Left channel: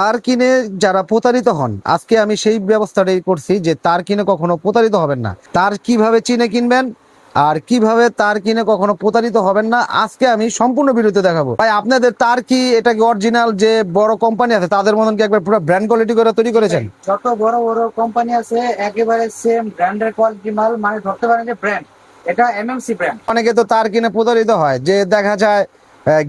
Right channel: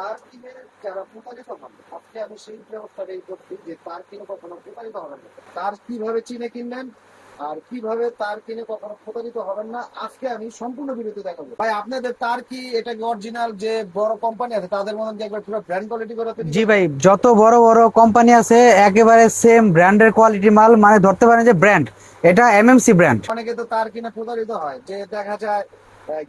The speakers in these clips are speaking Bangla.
তার কিনে যারা প্রতারিত হন, আজকে আমি সেই ব্যবস্থাটাই করছি যে তার কিনে কখনো প্রতারিত হবেন না। তার কিভাবে চিনে কিনবেন আর কিভাবে তার কিনে কখনো প্রতারিত হবেন না, আজকে আমি সম্পূর্ণ ভিডিওতে দেখাবো। ভাই আপনাদের তার কি এটা কি অরিজিনাল যে বড় কোম্পানি আছে তাদের মতন কি একবার পুরো ব্র্যান্ড কোয়ালিটি করে তৈরি জি ভাই, করেছেন? যত বড় বড় কোম্পানি আছে একেবারে সেম ব্র্যান্ডের কোয়ালিটি মাল, মানে ধরতে পারেন যে ব্র্যান্ড, এটা এমএমসি ব্র্যান্ড। অনেকে তো তার কিনে প্রতারিত হয়, যে দেখা যায়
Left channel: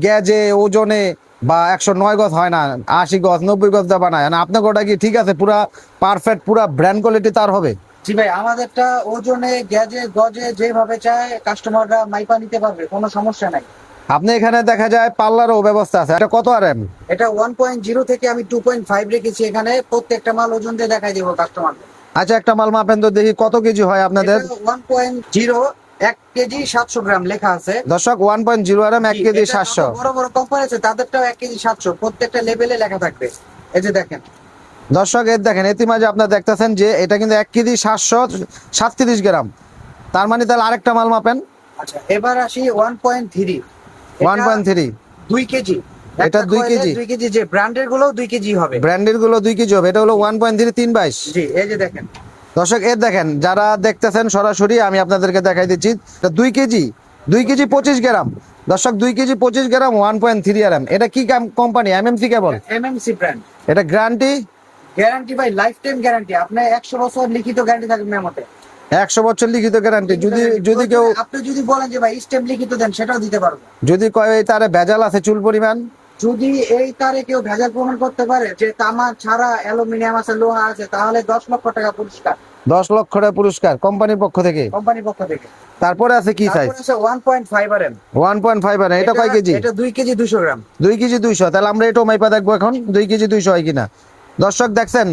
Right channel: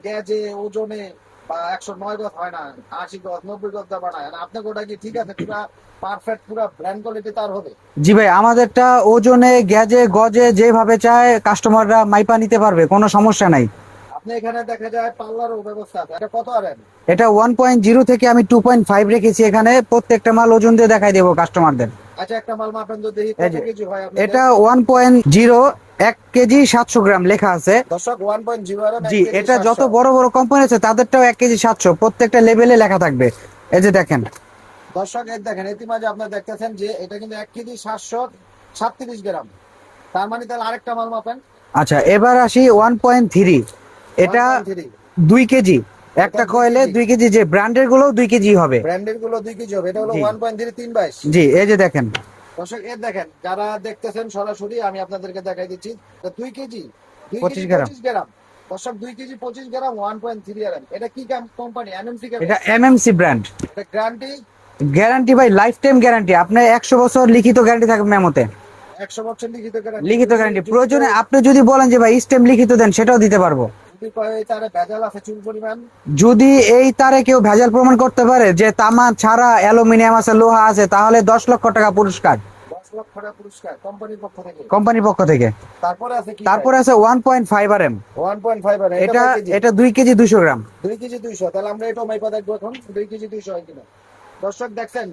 গ্যাজে ওজনে বা 109 গজ হয় না, 80 গজ 90 গজ দা বানায় না। আপনার ওটা কি ঠিক আছে, পুরা পারফেক্ট পুরা ব্র্যান্ড কোয়ালিটি তার হবে? জি ভাই, আমাদেরটা ওজনে গেজে গজে যেভাবে চায় কাস্টমাররা মাইপা নিতে পারবে, কোনো সমস্যা নাই। আপনি এখানে দেখা যায় পার্লারও ব্যবস্থা আছে। এটা কত আর এম? এটা 1.0 থেকে আমি 2.5 রেখেছি। এখানে প্রত্যেকটা মাল ওজন দিয়ে দেখাই দেবো কাস্টমারদের। আচ্ছা, একটা মাল মাপেন তো দেখি কত কেজি হয় আপনাদের। এটা 1.0, 1 কেজি 700 গ্রাম লেখা আছে। দর্শক 1.0 আর এম, 1 জি, কেজি এটা যত 700। বড় বড় কোম্পানি আছে তাদেরটাও 1 কেজি 700, প্রত্যেকটা লেভেলে লেখা থাকবে। এই যে দেখেন দর্শক এর দেখেন, ইতিমাঝে আপনারা দেখতেছেন যে এটা কিন্তু 1 কেজি 737 গ্রাম। তার মানে তাহলে আরেকটা মাল মাপেন। আচ্ছা, এবার আসি 1.3। এটা 1.3, 2 কেজি। এটা একটা 2 কয়েলে কেজি। 2 কেজি, যে ব্র্যান্ডের গুলো 2 কেজি হবে। ব্র্যান্ডের গুলো 2 কেজি হবে। এটা হলো জি। 1.3 322। জি, এই যে দেখেন। দর্শক এর দেখেন, যারা দেখতেছেন সরাসরি আমি আপনাদেরকে দেখাই দিচ্ছি। এটা 2 কেজি, 2 কেজি 25 গ্রাম। দর্শক 2 কেজি 25 গ্রাম 1.3 আর এম। এটা কি কোম্পানি? এমএমসি কেবল। এটা এমএমসি ব্র্যান্ড। এটা গ্যারান্টি? গ্যারান্টি ভাই লাইফ টাইম গ্যারান্টি। আপনি 100 বছর লিখিত গ্যারান্টি থাকবে মেমোতে। 100 বছর লিখিত গ্যারান্টি। লিখিত যদি গ্যারান্টি যদি কেউ প্রয়োজনে আপনি যদি বলেন যে ভাই স্টেম লিখিত দেন, সেটাও দিতে পারবো। যদি কয় এই তারে ভেজাল আছে চুল পরিমাণ, যদি এই তারে কেউ ভেজাল প্রমাণ করতে পারে যে তামা ছাড়া অ্যালুমিনিয়াম আছে, লোহা আছে, তাহলে 10 লক্ষ টাকা পুরস্কার। 10 লক্ষ টাকা পুরস্কার কোম্পানির পক্ষ থেকে। কোম্পানির পক্ষ থেকে। তারপরে আছে কি সাইজ? তারপরে আছে 1.5 আরএম। 1.5 আর এটা কয় কেজি? এটা 2 কেজি 200 গ্রাম। 2 কেজি 200। তাহলে আমরা এটাও মাইপা দেখবো এখন 2 কেজি 200 হয় কিনা। দর্শক দেখছেন,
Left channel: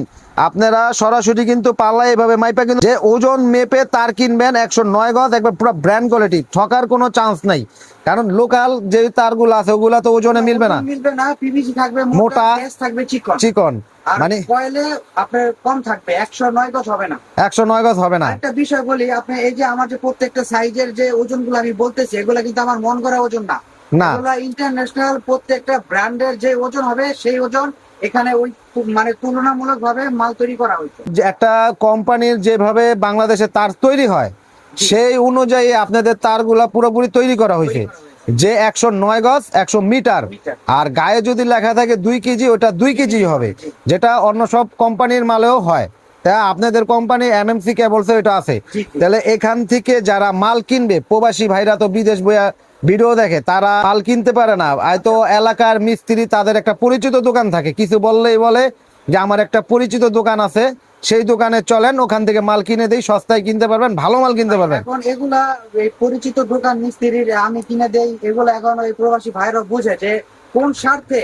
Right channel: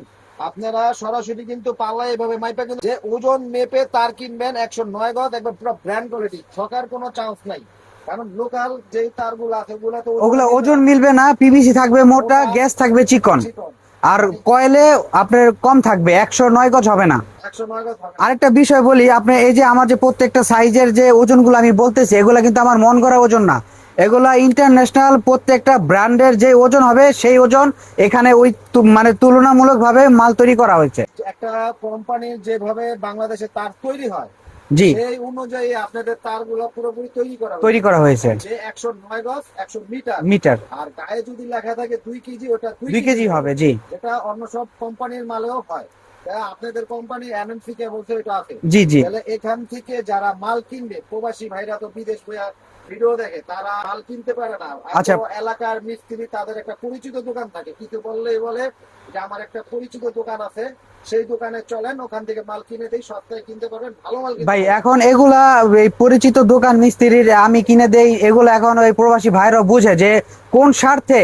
আপনারা সরাসরি কিন্তু পাল্লায় এভাবে মাইপা কিন্তু যে ওজন মেপে তার কিনবেন 109 গজ, একবার পুরো ব্র্যান্ড কোয়ালিটি, ঠকার কোনো চান্স নাই। কারণ লোকাল যে তারগুলো আছে ওগুলা তো ওজনে মিলবে না। ওজন মিলবে না, পিভিসি থাকবে মোটা, মোটা, গ্যাস থাকবে চিকন। চিকন। আর মানে কয়েলে আপনার কম থাকবে, 109 গজ হবে না। 109 গজ হবে না। আরেকটা বিষয় বলি, আপনি এই যে আমার যে প্রত্যেকটা সাইজের যে ওজনগুলো আমি বলতেছি, এগুলা কিন্তু আমার মন করা ওজন না। না। এগুলা ইন্টারন্যাশনাল প্রত্যেকটা ব্র্যান্ডের যে ওজন হবে সেই ওজন এখানে ওই মানে তুলনামূলক ভাবে মাল তৈরি করা হয়েছে। যে একটা কোম্পানির যেভাবে বাংলাদেশে তার তৈরি হয়, জি। সেই অনুযায়ী আপনাদের তারগুলা পুরোপুরি তৈরি করা হয়েছে যে 109 গজ 100 মিটার। মিটার। আর গায়ে যদি লেখা থাকে 2 কেজি, ওটা 2 কেজি হবে, জি। যেটা অন্য সব কোম্পানির মালেও হয়। তা আপনাদের কোম্পানি এমএমসি কেবলস এটা আছে। জি জি। তাহলে এখান থেকে যারা মাল কিনবে, প্রবাসী ভাইরা তো বিদেশ বইয়া ভিডিও দেখে, তারা মাল কিনতে পারে না। তো এলাকার মিস্ত্রি, তাদের একটা পরিচিত দোকান থাকে, কিছু বললেই বলে যে আমার একটা পরিচিত দোকান আছে, সেই দোকানে চলেন, ওখান থেকে মাল কিনে দেই, সস্তায় কিনতে পারবেন, ভালো মাল কিনতে ভাই, পারবেন। এখন এগুলা এই পরিচিত দোকান মিস্ত্রির আমি কিনে দেই, এগুলো এখন ওই প্রবাসী ভাইরা বুঝে যে কোন স্বার্থে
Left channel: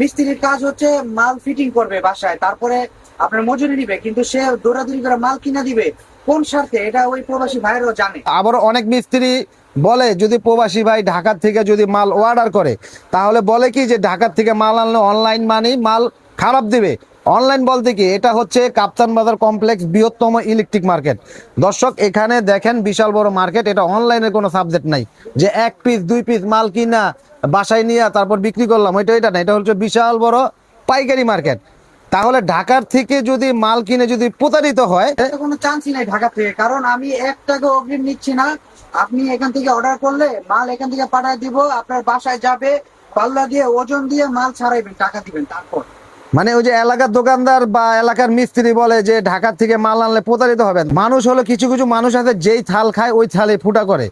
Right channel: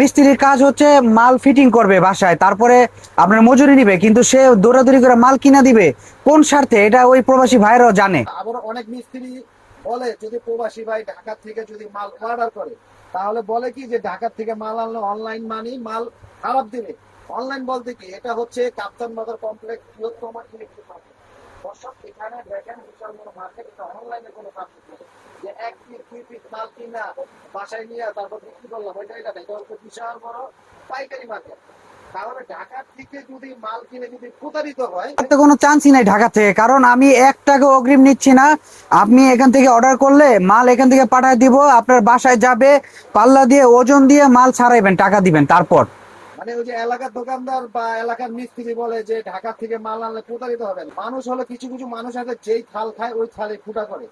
মিস্ত্রির কাজ হচ্ছে মাল ফিটিং করবে বাসায়, তারপরে আপনার মজুরি নিবে, কিন্তু সে দৌড়াদৌড়ি করে মাল কিনা দিবে কোন স্বার্থে, এটা ওই প্রবাসী ভাইরাও জানে। আবার অনেক মিস্ত্রি বলে, যদি প্রবাসী ভাই ঢাকার থেকে যদি মাল অর্ডার করে, তাহলে বলে কি যে ঢাকার থেকে মাল আনলে অনলাইন মানি মাল খারাপ দিবে। অনলাইন বলতে কি, এটা হচ্ছে কাপ্তান বাজার কমপ্লেক্স, বৃহত্তম ইলেকট্রিক মার্কেট। দর্শক এখানে দেখেন বিশাল বড় মার্কেট, এটা অনলাইনের কোনো সাবজেক্ট নাই যে 1 পিস 2 পিস মাল কিনা বাসায় নিয়ে তারপর বিক্রি করলাম, এটা না। এটা হচ্ছে বিশাল বড় পাইকারি মার্কেট। তাহলে ঢাকার থেকে যদি মাল কিনে যদি প্রতারিত হয়, এতে কোনো চান্সই নাই ঢাকা থেকে, কারণ আমি 1 টাকা অগ্রিম নিচ্ছি না। আপনি এখান থেকে অর্ডার করলে মাল এখান থেকে পাঠিয়ে দিব, আপনার বাসায় যাবে, পাল্লা দিয়ে ওজন দিয়ে মাল ছাড়াইবেন, টাকা দিবেন তারপর। মানে ওই যে এলাকার দোকানদার বা এলাকার মিস্ত্রি বলে যে ঢাকার থেকে মাল আনলে প্রতারিত হবেন। মানুষ হলো, কিছু কিছু মানুষ আছে যেই থাল খায় ওই থালে ফুটা করে।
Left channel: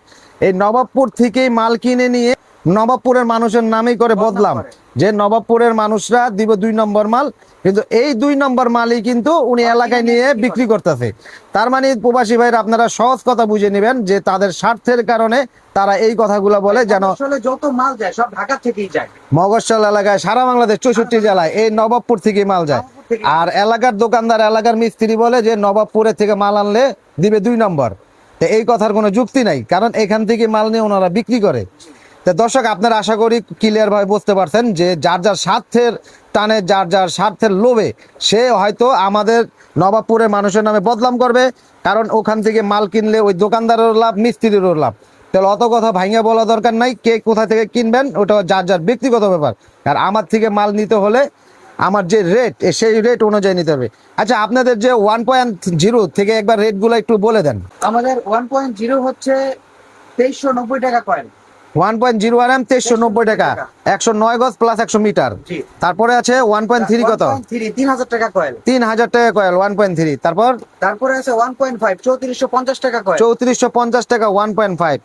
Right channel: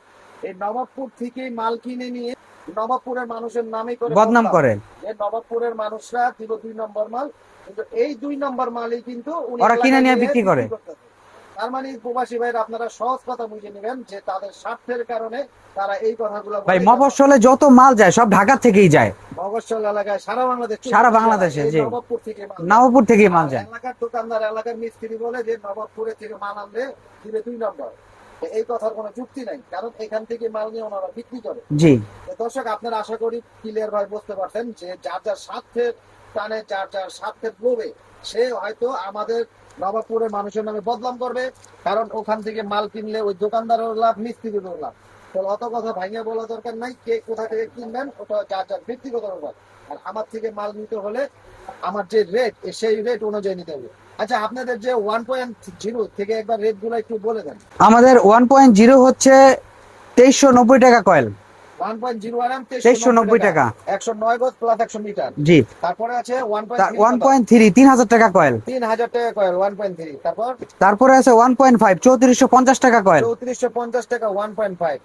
এই নবাবপুর থেকেই মাল কিনে নিয়ে নবাবপুরের মানুষের নামেই করে বদনাম করে, যে নবাবপুরের মানুষরা দিব 2 নম্বর মাল, কিন্তু এই 2 নম্বর মালই কিন্তু উনি এলাকায় নিয়ে বিক্রি করতেছে। তার মানে প্রবাসী ভাইরা, আপনারা সহজ কথা বুঝে নেবেন যে তাদের স্বার্থের কারণে তারা এই কথাগুলো বলে। যেন মফস্বলে যত মাল যায় সব ঢাকা থেকেই যায়, মগশল এলাকায়, সারা বাংলাদেশ 64 জেলায় এই নবাবপুর থেকে মাল যায়। নবাবপুর থেকে। আর এলাকার দোকানদার, এলাকার মিস্ত্রি বলে যে নবাবপুরের থেকে মাল আনলে দিবে 2 নম্বর। তো এই কথার কোনো যুক্তি নাই, কারণ এখান থেকে মাল নিয়ে ওনারা বিক্রি করে। জি। তো দর্শক আপনারা আশা করি ক্লিয়ার ভাবে বুঝতে পারছেন যে যার যার স্বার্থের টানে, যার যার স্বার্থের লোভে সে হয়তো আমাদের নবাবপুরের মানুষের নামে বদনাম করবে, কারণ ওখান থেকে মাল কিনলে ওই দোকানদারেরও লাভ, মিস্ত্রিরও লাভ। তাহলে অত কথা ভাঙিয়ে বলা দরকার নাই, কে কোথা থেকে কিনবেন ওটা যার যার ব্যক্তিগত ব্যাপার। আর আমার থেকে মাল নিতে হলে আমার যে রেট সেই রেট অনুযায়ী নিতে হবে। আচ্ছা, আপনাদের যে 1.0 থেকে একবার রেট গুলো একটু বলে দেন। আমাদের 1.0 হচ্ছে 2390 টাকা কয়েল। 1.0 RM 2390 টাকা, 109 গজ প্লাস 100 মিটার। জি। তারপরে আছে 1.3 কত? 1.3 3000 টাকা কয়েল। 3000 টাকা কয়েল 1.3। তারপরে আছে 1.5 3450 টাকা কয়েল। 3450 টাকা 1.5।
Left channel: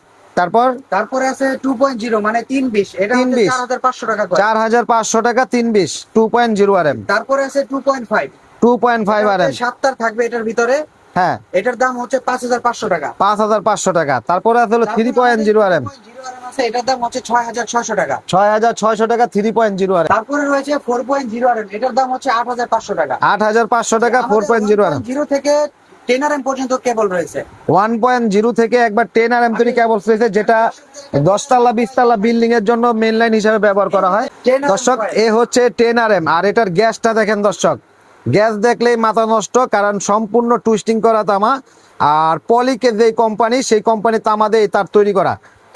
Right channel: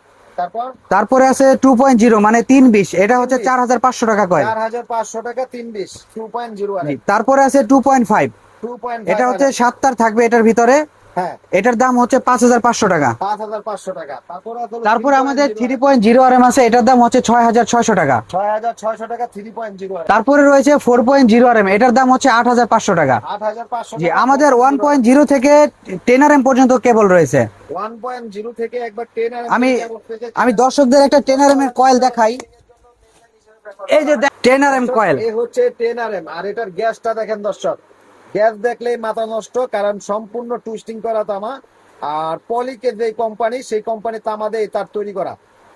তারপরে আছে 2.0 মানে 320, এটা হচ্ছে 320 4500 টাকা কয়েল। 4500 টাকা 320 2.0 RM। তারপরে আছে 2.5, 2.5 এটা হচ্ছে RM। 7 তার থাকবে এটার ভিতরে। হ্যাঁ, এটার দাম হচ্ছে 5500 টাকা। 5500 টাকা। তারপরে আছে হলো তারপরে আমাদের 3.0 RM। 3.0 RM আছে, এটার দাম হচ্ছে 6600 টাকা। 6600 টাকা 3.0 RM। তারপরে রয়েছে 4.0 RM, এটার দাম হচ্ছে 8500 টাকা। 8500 জি, টাকা আমাদের 4.0 RM। 1.0 থেকে 10 RM পর্যন্ত কেবল রয়েছে। 1.0 থেকে একবার 10 RM আমি থেকে কেবল রয়েছে, আমি যেটা দর্শকদের একটা 10 RM 10 তলা 20 কয়েল তলা দেখাই। বিল্ডিং এর জন্য মেইন লাইন হিসেবে ব্যবহার এই করা যে হয়। 10 RM দর্শক, কয়েল। এ হচ্ছে 10 RM। আর এটার গ্যাসটা দেখেন দর্শক, গ্যাস দেখলেই মাথা নষ্ট, কারণ সম্পূর্ণ টুইস্টিং করা তামা। আর পলিকে যে কোম্পানি, সেই কোম্পানি তামা দিয়ে তার তৈরি করা,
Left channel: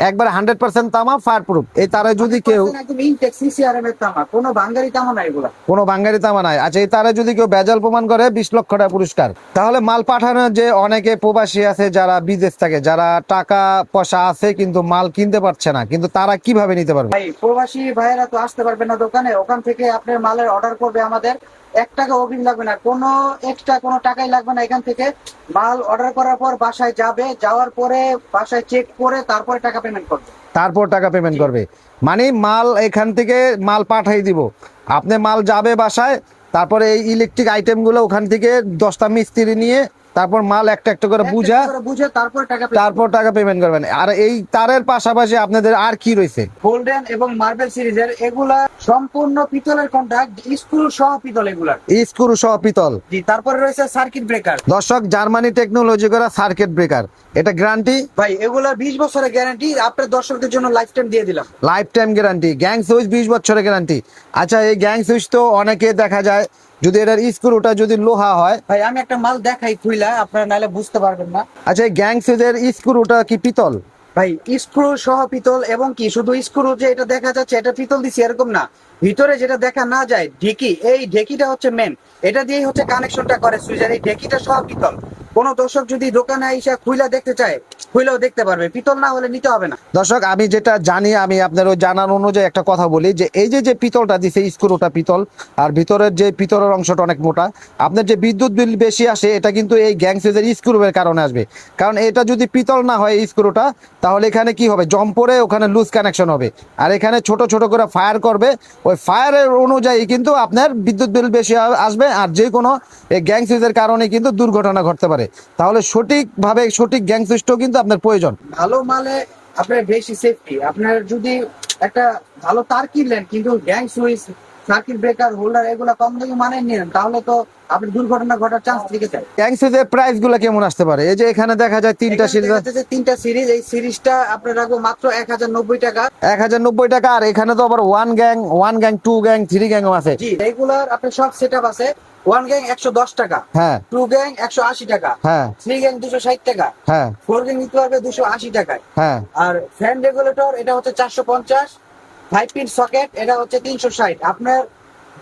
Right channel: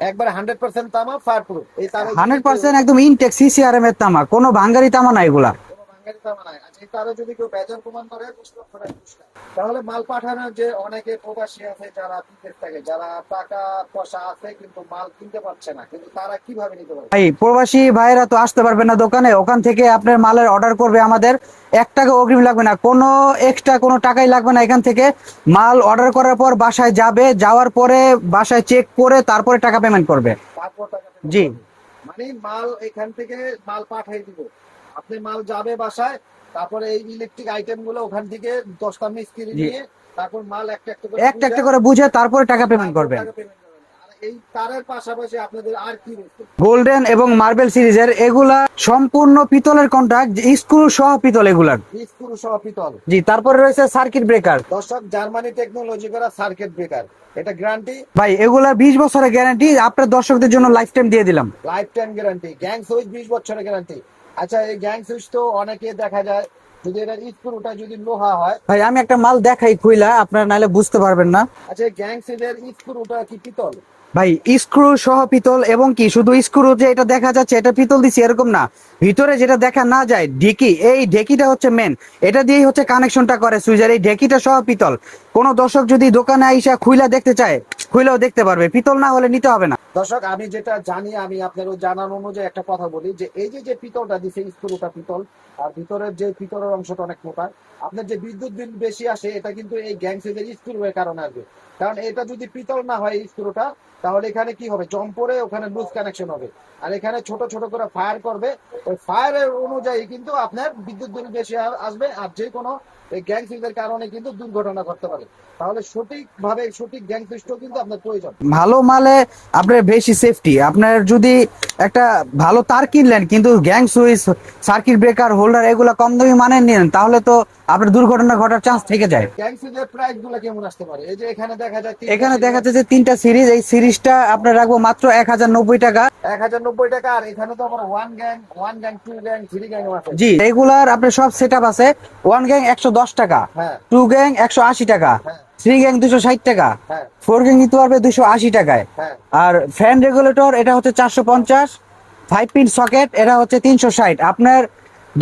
একবার 100% তামা ফায়ার প্রুফ। এই তারে যদি কেউ 100% একদম ইনটেক সিসিআরএম এর তামা, কোনো ভাঙ্গারি তামা না এগুলা। কোনো বাঙ্গারি তামা নাই। আচ্ছা, এই তারে যদি কেউ বেজাল প্রমাণ করে 20 লক্ষ টাকা পুরস্কার। তাহলে মাল পাঠানোর যে অনেকে প্রবাসী আছে যারা বিদেশ থাকে, যারা টাকা পয়সা আছে কিন্তু মাল কিনতে পারছে না, কিন্তু তারা কিভাবে নিতে পারবে? ভাই প্রবাসী ভাইয়েরা তো আসতে পারবে না দোকানে, ওখান থেকে আপনার মালের অর্ডার করবে, আমাদের 1 টাকা অগ্রিম লাগবে না, কোনো এক্সট্রা কোনো টাকাই লাগবে না। এখান থেকে মাল অর্ডার করার পর বাসায় যাবে, যাওয়ার পরে বাসায় চেক করে তারপরে টাকা পেমেন্ট করবে। তারপর টাকা পেমেন্ট জি। করবে, মানে মাল এখান থেকে মাল পাঠাই দিব, আপনি মাল যাবে বাসায়, তারপরে এই ইলেকট্রিক আইটেম গুলো ওখান থেকে 10টা মিস্ত্রি নিয়ে তারপর মাল একটা একটা করে একটা একটা করে বুঝে তারপর টাকা পেমেন্ট তারপর করবে। টাকা পেমেন্ট করবেন। আর এই তারের পাশাপাশি আপনাদের আর কি রয়েছে? গোল্ডেন এবং মার্বেল সিরিজের এগুলা সম্পূর্ণ পিতলের কন্টাক্ট, স্ক্রু সহ পিতল এগুলার। স্ক্রু সহ পিতল। জি। তারপরে রয়েছে সার্কিট ব্রেকার। দর্শক, জার্মানি টেকনোলজি করা সার্কিট ব্রেকার, এটা গ্যারান্টি ভাই এগুলা 20 বছরের গ্যারান্টি, আপনার দর্শকদের জন্য লাইফ টাইম দিয়ে দিলাম। Life time guarantee. Gang switch 20 বছরের গ্যারান্টি। আচ্ছা, এই গ্যাং সুইচ তো অনেকে দেখা যায় যদি এটার স্ক্রুটা যদি লোহা হয়। ভাই আমি একটা মাল দেখাই খুইলা, আপনারা নাহলে বুঝতে পারবেন না। আচ্ছা, এই গ্যাং সুইচের স্ক্রুটা কি পিতল? ভাই স্ক্রু সহ পিতল, এবং কি শুধু স্ক্রু যে এটা দেখা যাচ্ছে এটা পিতল দিছি এরকম না, ভিতরে যেটা দেখা না যায় ঢেকি, এই ঢেকিটা হচ্ছে মেন, এটা দিয়েই হচ্ছে কানেকশনটা করে সুইচের। এই ঢেকিটা সহ পিতল। কোন দর্শক যদি দোকানে আইসা খুইলা দেখতে চায়, খুইলাও দেখতে পারবে, পিতল না হলে নিতে হবে না। দর্শক, আমি যেটা জানি, আমি আপনার ওই জানার অনুযায়ী একটা কথা বলি, যে এই যে পিতলটা দিছে, স্ক্রুটা পিতল, আর ভিতরের যে পিতলের অংশটা অনেক মোটা। আপনার যে বিদ্যুৎ বিল বেশি আসে, এটা কিন্তু এই গ্যাং সুইচের স্ক্রুর কারণে আসবে। কারণ এটা যদি পিতল না হয় এই স্ক্রুটা, তাহলে এখানে কি হবে, জম পড়ে ওখানে লুজ কানেকশন হবে, আর এখানে ছোট ছোট করে ফায়ার করবে। ওই ফায়ারের অনুযায়ী কিন্তু আপনার বিদ্যুৎ বিল বেশি আসবে, আর যে কোনো এই গ্যাং সুইচের কারণে কিন্তু দুর্ঘটনা ঘটতে পারে। তাহলে সঠিকভাবে সঠিক গ্যাং সুইচটাও কিন্তু আপনার প্রয়োজন। ভালো মালে আপনার বেশি সেফটি। আপনার যদি একটা ভালো তার কিনলেন কিন্তু gang switch, circuit breaker, holder এগুলো কম দামি মানের নিলেন, তাহলে তো আপনার দুর্ঘটনা ঘটার চান্স থেকে যায়। গ্যাং সুইচের প্রাইস গুলো কেমন আসতে পারে? এই যে এখানে দেখা যায় 3টা এখানে দেখা যাচ্ছে 3টা সিরিজ, এই সিরিজটা আপনার রাখবো মাত্র 1090 টাকা। 1090 টাকা। আর এখানে তো আবার 1 গ্যাং, 2 গ্যাং, 3 গ্যাংও আছে। জি, রেগুলার আপনার সব সেটআপ আছে। 1 গ্যাং 110 টাকা, হ্যাঁ। 2 গ্যাং 180 টাকা, হ্যাঁ। 3 গ্যাং 260 টাকা, হ্যাঁ। 4 গ্যাং নিতে পারবে 280 টাকায়। হ্যাঁ। আর ফ্যান রেগুলেটর এটা হচ্ছে 450, 5 পিন সকেট এটা হচ্ছে 360। আপনার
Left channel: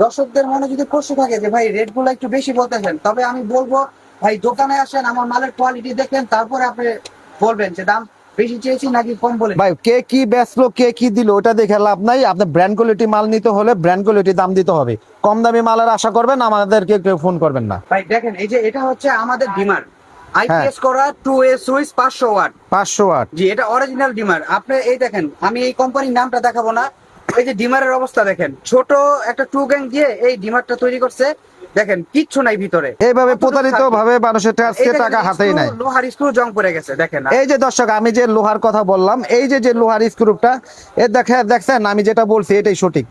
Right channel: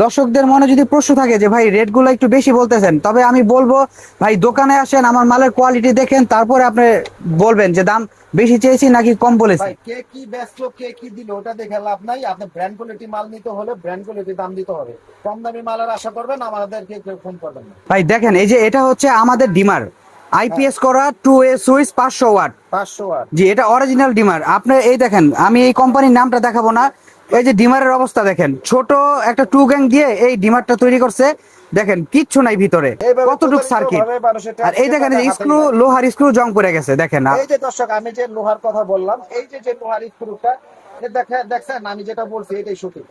দর্শকদের মনে যদি প্রশ্ন থাকে যে ভাই রেট গুলো একটু বেশি বলতেছেন, তবে আমি বলবো ভাই দোকানে আসেন, আমার মালের কোয়ালিটি দেখেন, তারপরে আপনি বলবেন যে দাম বেশি চেয়েছি নাকি কম বলেছি। ভাই কে কি বেচলো, কে কি দিল, ওটা দেখে লাভ নাই। আপনি ব্র্যান্ড কোয়ালিটি মাল নিতে হলে ব্র্যান্ড কোয়ালিটি দাম দিতে হবে। কম দামি মালের আশা করবেন, আমাদেরকে কেউ ফোন করবেন না। ভাই দেখেন, এই যে এটা হচ্ছে আমাদের ডিমার, আইপিএস করা 2A সুইচ 500 ওয়াট। 500 ওয়াট। জি, এটা অরিজিনাল ডিমার। আপনি এই দেখেন, আমি এই কোম্পানির নামটা দেখাবো না, এই যে ডিমারের অবস্থা দেখেন, ছোট একটা 2 গ্যাং দিয়ে এই ডিমারটা তৈরি করছে। দেখেন কিচ্ছু নাই ভিতরে, এইভাবে কতটুকু প্রতারিত circuit। ভাবে মানুষের আর এই দেখেন টাকা হাতেই নাই। লোহার স্ক্রু জং পড়ে গেছে দেখেন। এই যে দর্শক, আমি যে লোহার কথা বললাম, এই যে লোহার স্ক্রুটা, এ দেখছেন, আমি যেটা বলছি এটাই সঠিক।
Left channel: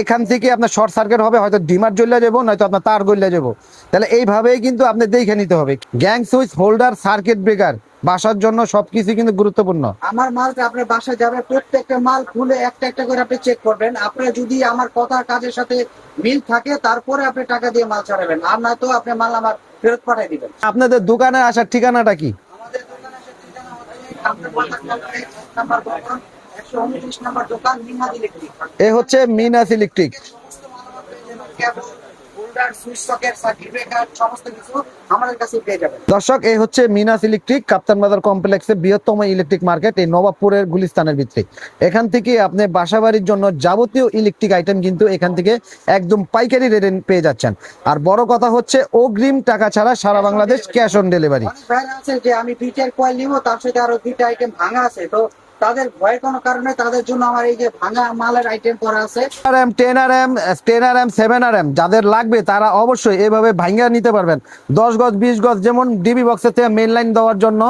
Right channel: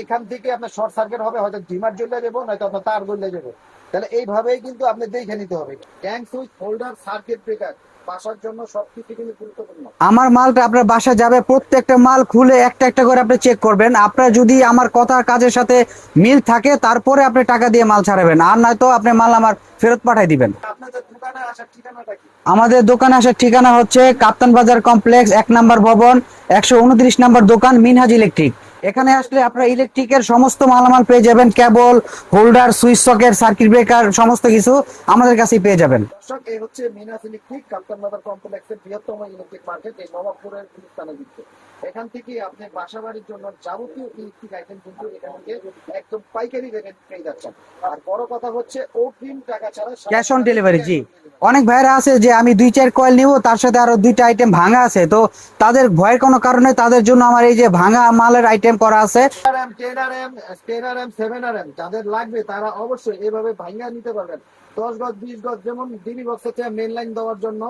এখান থেকে আপনার শর্ট সার্কিট হবে, হয়তো ডিমার জ্বলে যাবো, নয়তো আপনার তার গলে যাবো। তাহলে এইভাবেই কিন্তু আপনি দেখে নিতে হবে। Gang switch, holder, circuit breaker বাসার জন্য সবকিছু কিন্তু গুরুত্বপূর্ণ। আমার মালটা আপনার বাসা যাবে, প্রত্যেকটা মাল খুলে একটা একটা করে আপনি চেক করবেন। আপনার যদি আমার কথার কাজের সাথে মিল থাকে, তারপরে আপনি টাকা দিয়ে মাল ছাড়াবেন, আর নয়তো আপনি মাল আমার ফেরত পাঠিয়ে দিবেন। আপনাদের দোকানে আসার ঠিকানাটা কি? আমাদের দোকানে আসার ঠিকানা হচ্ছে কাপ্তান বাজার কমপ্লেক্স 1 নম্বর ভবন 129 নম্বর দোকান মিনহাজ ইলেকট্রিক। এখানে হচ্ছে আসলে মিনহাজ আপনারা ইলেকট্রিক। ইলেকট্রিকের সমস্ত মালামাল পেয়ে যাবেন, cable, holder, switch socket, circuit breaker সমস্ত কিছু আমাদের কাছেই পেয়ে যাবেন। দর্শক, এই হচ্ছে মিনাস ইলেকট্রিক, কাপ্তান বাজার কমপ্লেক্সে বৃহত্তম ইলেকট্রিক মার্কেট, এই নবাবপুরের গুলিস্তানের ভিতরে। এখান থেকে আপনি বাসাবাড়ির জন্য যাবতীয় ইলেকট্রিক আইটেম কিন্তু এখান থেকে একদম পাইকারি রেটে পেয়ে যাচ্ছেন। আর বড় কথা হচ্ছে অগ্রিম টাকা ছাড়া সারা Cash on Bangladesh delivery, cash G. On delivery. অনেক ভাইরা আছে যে আমি 2-4 কয়েল নিব, তার সাথে আরো 2টা আইটেম ভাঙা আছে, তো তাদের ভয়ের কোনো কারণে তাদের জন্য আমার এই যে ভাঙা মালের আইটেম করা আছে। 10RM 7RM যাদের লাগবে তারা অবশ্যই এভাবে ভাঙ্গা নিতে পারবেন। 10 গজ 20 গজ, যেমন ডিবি বক্সের থেকে মেইন লাইন দেওয়ার জন্য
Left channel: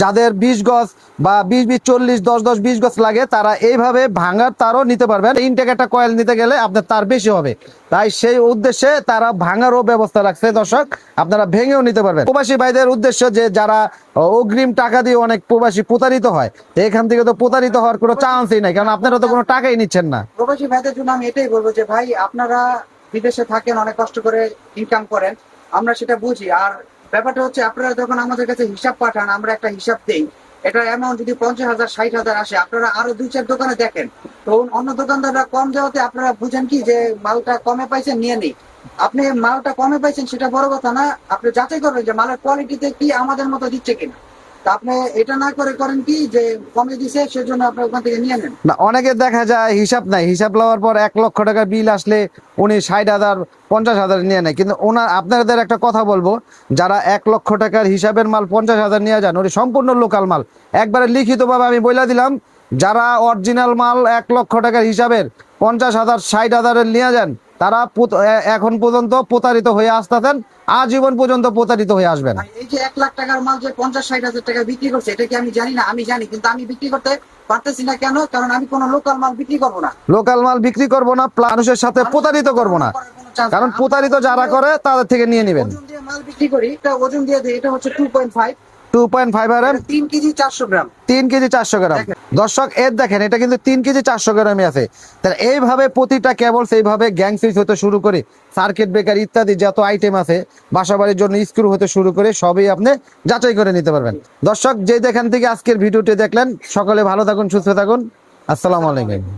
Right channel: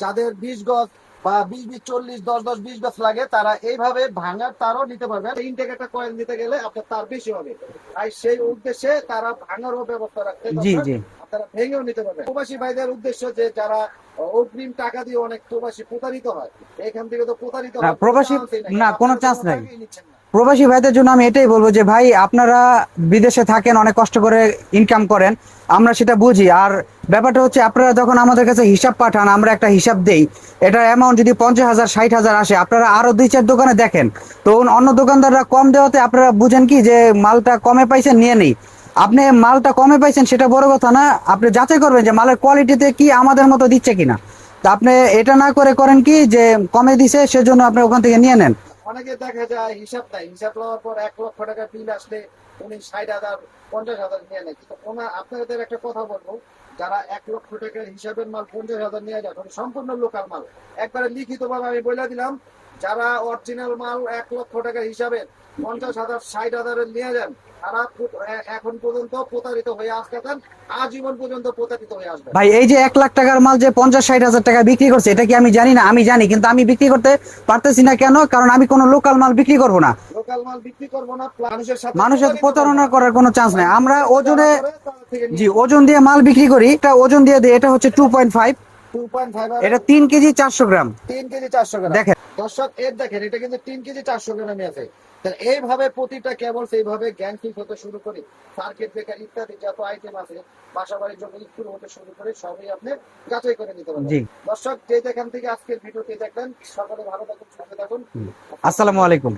যাদের 20 গজ বা 20 40 10 20 গজ লাগে, তারা এইভাবে ভাঙার তারও নিতে পারবেন। ইনটেক একটা কয়েল নিতে গেলে আপনার তার বেশি হবে, তাই সেই উদ্দেশ্যে তারা ভাঙারও ব্যবস্থা রাখছে। দর্শক, জি। আপনারা ভেঙেও নিতে পারবেন। প্রবাসী ভাইদের উদ্দেশ্য যে যারা অগ্রিম টাকা দিয়ে অনেক প্রবাসী প্রতারিত হয়, এখান থেকে তো প্রতারিত হওয়ার কোনো প্রবাসী- চান্সই নাই, কারণ না, আপনারা তো কোনো কোনো chance নাই। টাকাই নিচ্ছেন না। প্রবাসী ভাইদের জন্য আমি এটাই বলবো যে ভাই, আপনারা বিদেশে থাকেন, অনেক কষ্ট করে ইনকাম করেন, আমরা সেটা বুঝি। আর ব্যাপারটা হচ্ছে আপনারা যখন আমাদের কাছে হিসাব পাঠান, আমরা একটা হিসাব দেই, এটার অ্যামাউন্ট যদি 50,000 60,000 আসে, আপনারা আরো 2-4 দোকানে দেখেন, তো অন্য দোকানদাররা কম দেওয়াতে আপনারা বুঝেন কি যে মালটা কমে পাইছেন, নিয়ে নেই। আপনি মালটা কমে পাইছেন সেটা বড় কথা না, আপনি যাচাই করবেন যে মালের কোয়ালিটিতে কি আমাদের মতো দিচ্ছে কিনা। তা আপনি এটা না করে করেন কি যে কমে দিছে সেজন্য আপনি ওখান থেকে নিয়ে নেন। না, অনেকে দেখা যায় হিসাব নাই, হিসাব লওয়ার পর 1 লক্ষ টাকার বিল আসলে উনি 60,000 50,000 নিয়ে নেয়। কিন্তু আপনাদের একটা কথা বলবো, যারা 1 লক্ষ টাকার হিসাবের মাল 50,000 নিয়ে যান, ওই সম্পূর্ণ লোকাল মাল। একবারে লিখিতভাবে আমি বলে দিলাম, যারা অরিজিনাল মাল 1 লক্ষ টাকার হিসাবের 50,000 60,000 নিয়ে যান, তারা এখন পর্যন্ত প্রতারিত হয়ে আসতেছেন, আজীবন পর্যন্ত প্রতারিত হয়ে আসবেন। ভাই এই যে 1 লাখ টাকার মাল যে 50-60 হাজার টাকা বিক্রি করছে, এটা কি আমি জানি না? আমি জানি, কিন্তু আমি বিক্রি করতে পারতেছি না কেন? কারণ আমি কোনো লোকাল মাল বিক্রি করব না, লোকাল মাল বিক্রি করব না, মানুষের সাথে মানুষের প্রতারিত করব প্রতারণা না, করার কোনো চান্স নাই। কারণ আমরা প্রতারিত যারা ওজনে- করে তাদের থেকে নিয়ে জি, নেবেন। ওজন দিয়ে মাল বিক্রি করি, এটা ওজন দিয়ে দিই, এটা হচ্ছে 2.5, 2.5 এটা 3 কেজি 400 গ্রাম। 3 কেজি 400 গ্রাম। দেখেন। দর্শক, এর দেখেন, এটা কিন্তু 3 কেজি 400 গ্রামই আছে। তাহলে এইভাবে প্রতিটা কেবল সেইভাবে গ্যাং সুইচ হতে শুরু করে সার্কিট ব্রেকার ইত্যাদি যত আইটেম আছে, বাসাবাড়ির জন্য স্ক্রু হতে শুরু করে সবই আপনি যাচাই করে নিতে পারবেন। জি। দর্শক, যে যেখান থেকে আজকের ভিডিওটি দেখলেন, সকলে ভালো থাকুন, সুস্থ থাকুন। আসসালামু আসসালামু আলাইকুম। আলাইকুম।